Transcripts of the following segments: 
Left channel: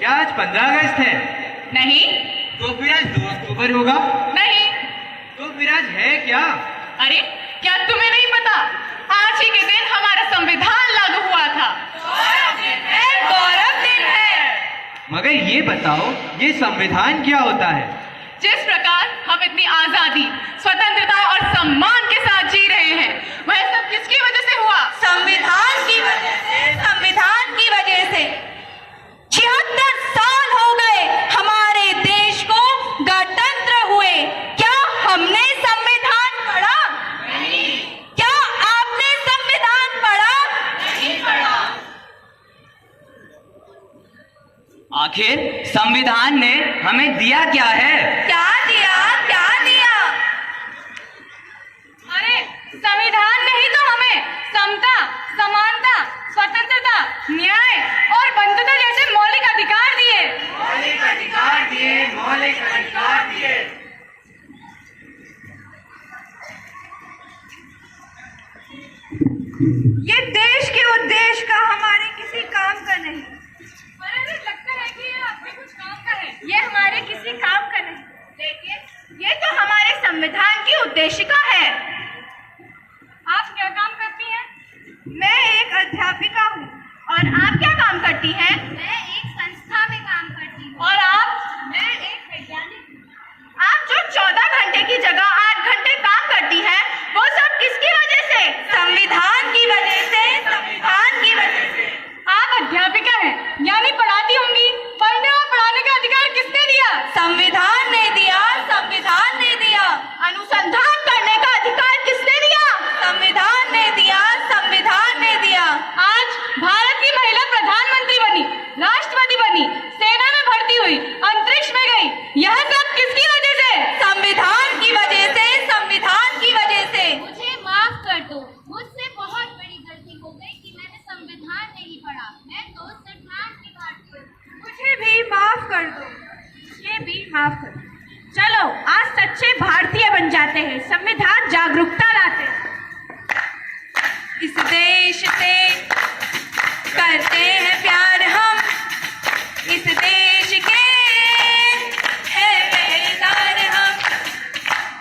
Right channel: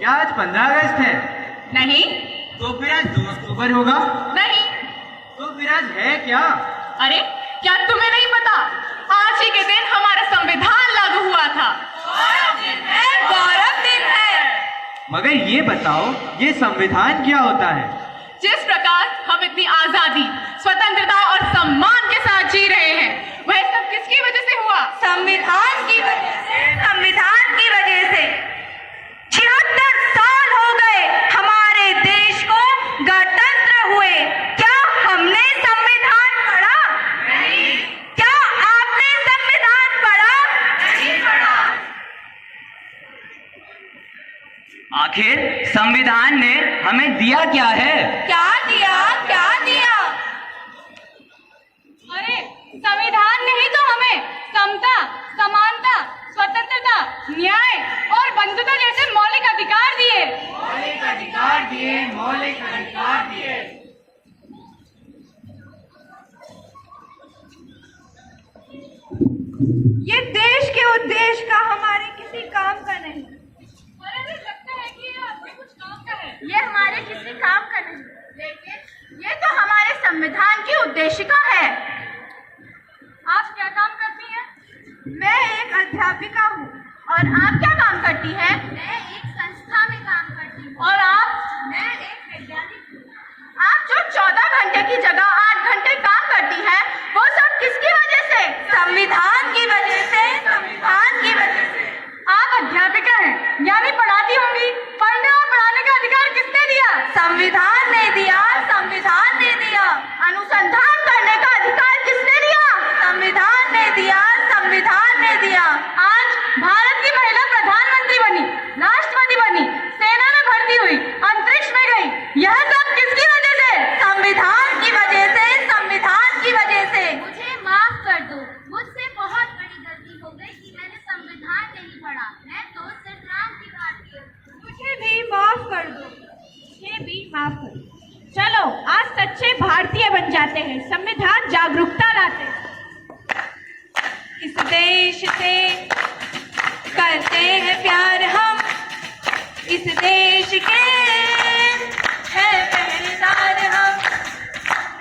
क्या आज 15 अगस्त है? नहीं। तो फिर आज 2 अक्टूबर होगा? नहीं। तो फिर आज है क्या? अरे क्या तुम्हें नहीं पता? आज ही के दिन हमारा संविधान लागू हुआ था। गौरव दिन है। मगर ये बताओ, ये संविधान क्या होता है? जिस प्रकार हम इतनी आजादी, स्वतंत्रता और सम्मान के साथ जी रहे हैं, वह सब किसकी वजह से हुआ? संविधान की वजह से। संविधान की वजह से 76 साल हो गए हमारे देश को गणतंत्र हुए। क्या हमने संविधान पढ़ा? नहीं। क्या आपने संविधान पढ़ा? नहीं पढ़ा। आखिर संविधान ने हमें दिया क्या है? क्या दिया? क्या दिया? अरे संविधान ने ही तो हमें समता, समानता, स्वतंत्रता, न्याय और बंधुता जैसे मौलिक अधिकार दिए। मौलिक अधिकार दिए, मौलिक अधिकार दिए। ये देश के उद्देश्य का हमारे किसी काम का नहीं। अरे लगता है कि ये आपके कुछ काम का है। ये हमारे किसी काम का नहीं, लेकिन ये तो हमारे संविधान की उद्देशिका है। आप क्या काम करती हैं? मैं एक अध्यापिका हूँ। और आप क्या काम करती हैं? मैं एक संस्था में काम करती हूँ। और आप? मैं एक वैज्ञानिक हूँ। आप जो 14 घंटे की जगह 8 घंटे काम करती है, वो सब किसकी वजह से? संविधान की वजह से। संविधान की वजह से। आप अध्यापिका हैं, यानी पढ़ाती होंगी। पढ़ने और पढ़ाने का अधिकार किसने दिया? संविधान ने दिया। संविधान ने दिया। अनुसंधान करने का अधिकार किसने दिया? संविधान ने दिया। संविधान ने दिया। आज भारत की महिला प्रधानमंत्री बनी, राष्ट्रपति बनी, सेना में भर्ती हुई, अंतरिक्ष में गई। यह सब किसकी वजह से? संविधान की वजह से। संविधान की वजह से। मुझे माफ कर दो, मुझसे बहुत बड़ी गलती हो गई कि मैंने संविधान नहीं पढ़ा। मैं तो संविधान की भारतीय हूँ। मुझे भी माफ कर दो। ये भी माफ कर दो। चलो आज सच्चे भारतीय बन जाते हैं, संविधान जागरूकता लाते हैं। इस देश से करते हैं प्यार हम, इस देश के हैं पहरेदार हम,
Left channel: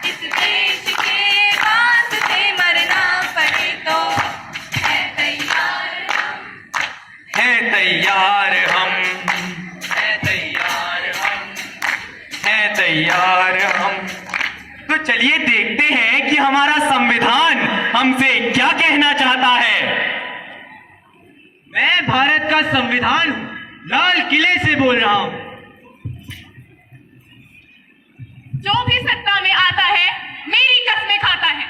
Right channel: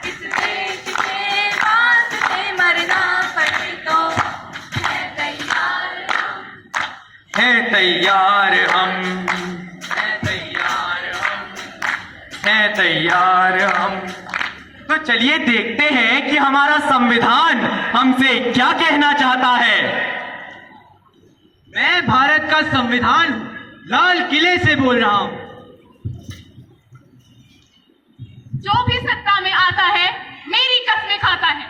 इस देश के वास्ते मरना पड़े तो है तैयार हम। है तैयार हम, है तैयार हम, है तैयार हम। तो चलिए देखते हैं कि हमारा संविधान हमसे क्या कहना चाहता है। मैं भारत का संविधान हूं, लाल किले से बोल रहा हूं। जो भी सत्ता में आता है, मेरी कसमें खाता है।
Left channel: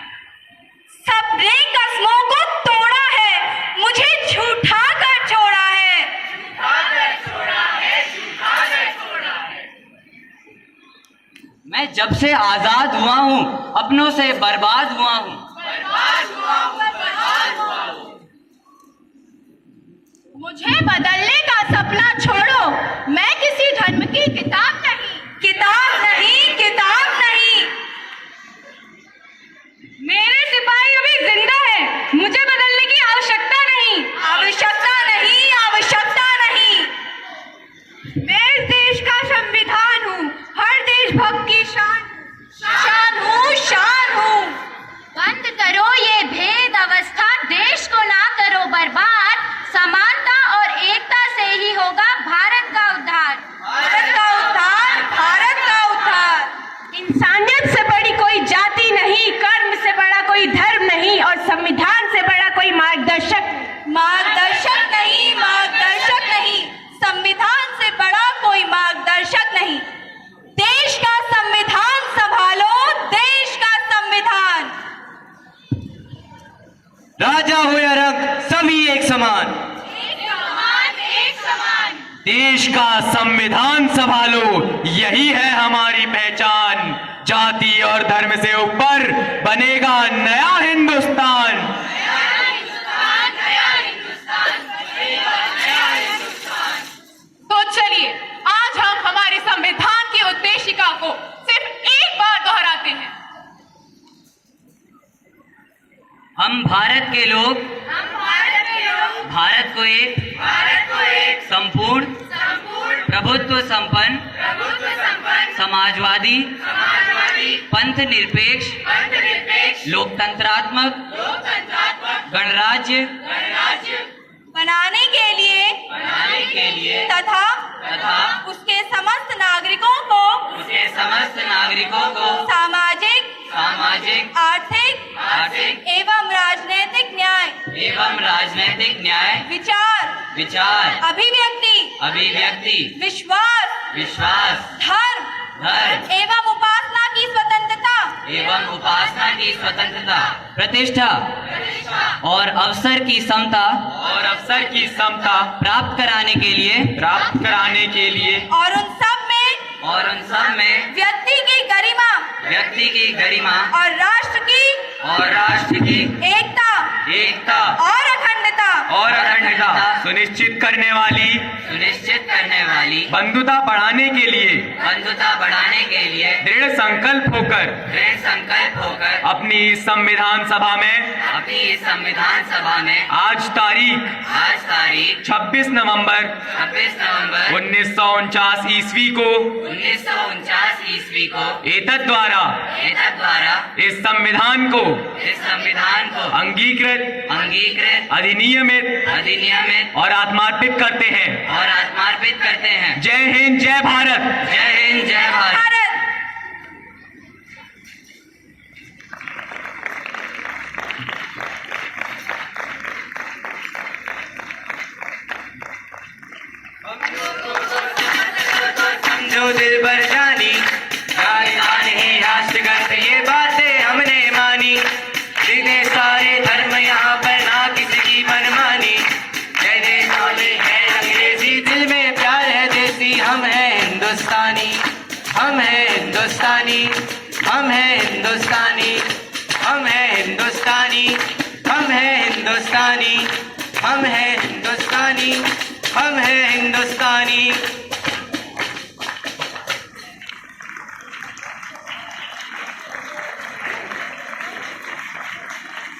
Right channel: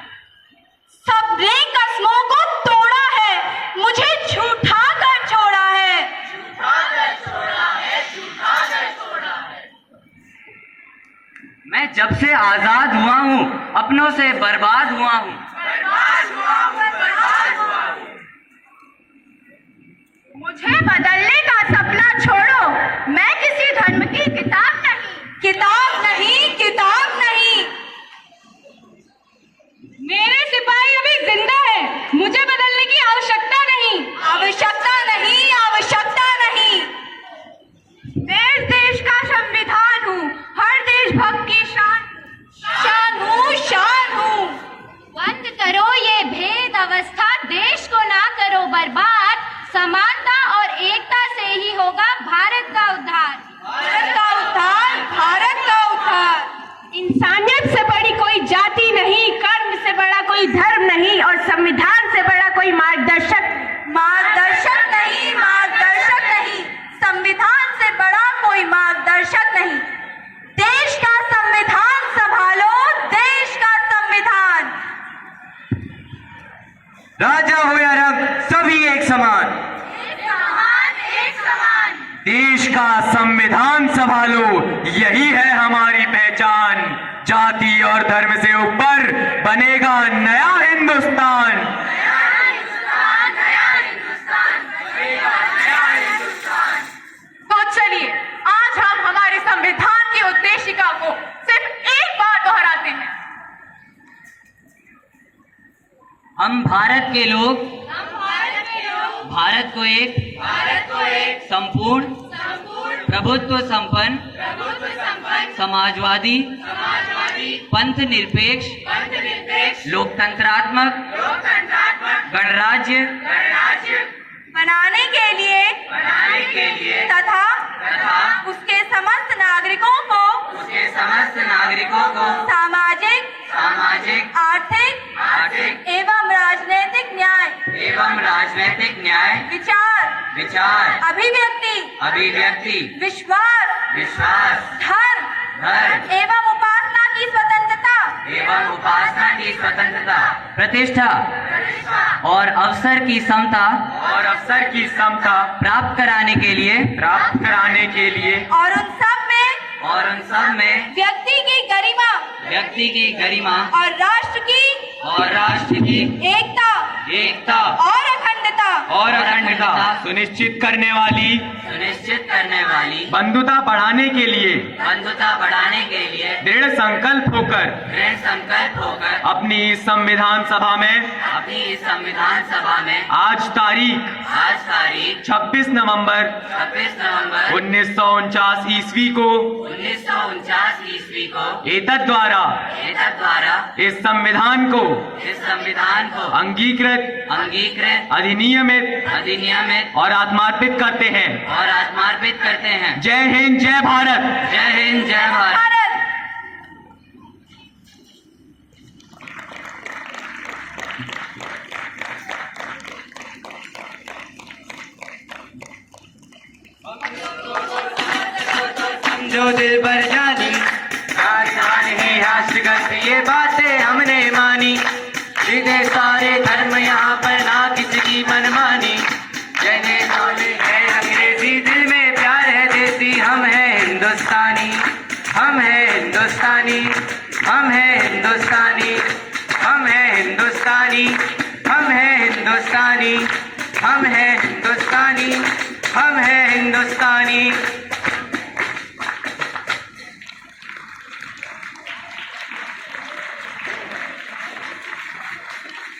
सबने कस्मों को तोड़ा है, मुझे झूठा कर छोड़ा है। मैं जब से आजाद हुआ हूँ अपनों से बर्बाद हुआ हूँ। मुझे बदलने का सपना छोड़ो, मैं किसी धर्म की किताब नहीं। किताब नहीं, किताब नहीं। मेरे सिपाही अभी जिंदा है, मुझे बदलने की आवश्यकता नहीं। आवश्यकता नहीं, आवश्यकता नहीं। मैं इस देश का संविधान हूँ, हर देशभक्त की शान हूँ, शान हूँ। बंद करो ये भेद अवस्था, देश को ना करो बर्बाद। समानता और एकता से ही होगा भारत का उद्धार। भारत का उद्धार, भारत का उद्धार। इंसानियत से बड़ी कोई जाति नहीं, कर्म से बड़ा कोई धर्म नहीं, और संविधान से बड़ा कोई मार्गदर्शक नहीं, मार्गदर्शक नहीं। संविधान से बड़ा कोई मार्गदर्शक नहीं। देश का संविधान संभालो, देश का संविधान। राजा हो या रंग, सभी एक समान। एक समान, एक समान। देश का संविधान संभालो, यही है हमारी पहचान। जाति और धर्म से ऊपर बनेगा नया हिंदुस्तान। नया हिंदुस्तान, नया हिंदुस्तान बनेगा, नया हिंदुस्तान। तो चलिए आज हम हमारे संविधान की उद्देशिका को सिर्फ एक बार दोहराते हैं। हम भारत के लोग हम भारत के लोग भारत को एक संपूर्ण संपूर्ण प्रभुत्व संपन्न समाजवादी पंथ निरपेक्ष लोकतंत्रात्मक गणराज्य बनाने के लिए तथा उसके समस्त नागरिकों को सामाजिक आर्थिक एवं राजनीतिक न्याय विचार अभिव्यक्ति विश्वास धर्म एवं उपासना की स्वतंत्रता प्रतिष्ठा और अवसर की समता प्राप्त कराने के लिए और उन सब में व्यक्ति की गरिमा और राष्ट्र की एकता और अखंडता सुनिश्चित करने वाली बंधुता बढ़ाने के लिए दृढ़ संकल्प होकर अपनी संविधान सभा में आज तारीख 26 नवंबर 1949 ईस्वी को एतद द्वारा इस संविधान को अंगीकृत अधिनियमित और आत्मार्पित करते हैं। जय हिंद, जय भारत। जो दिल भर जानी नहीं हास्य करते ये बातें हमने मानी। सीधे सारे धर्म यहाँ पर ना किसी की मनमानी। जय जय बोले है अंग्रेजी, दिल में प्यार है देसी। हम हैं हिंदुस्तानी, हम हैं हिंदुस्तानी, हम हैं हिंदुस्तानी, हम हैं हिंदुस्तानी, हम हैं हिंदुस्तानी, हम हैं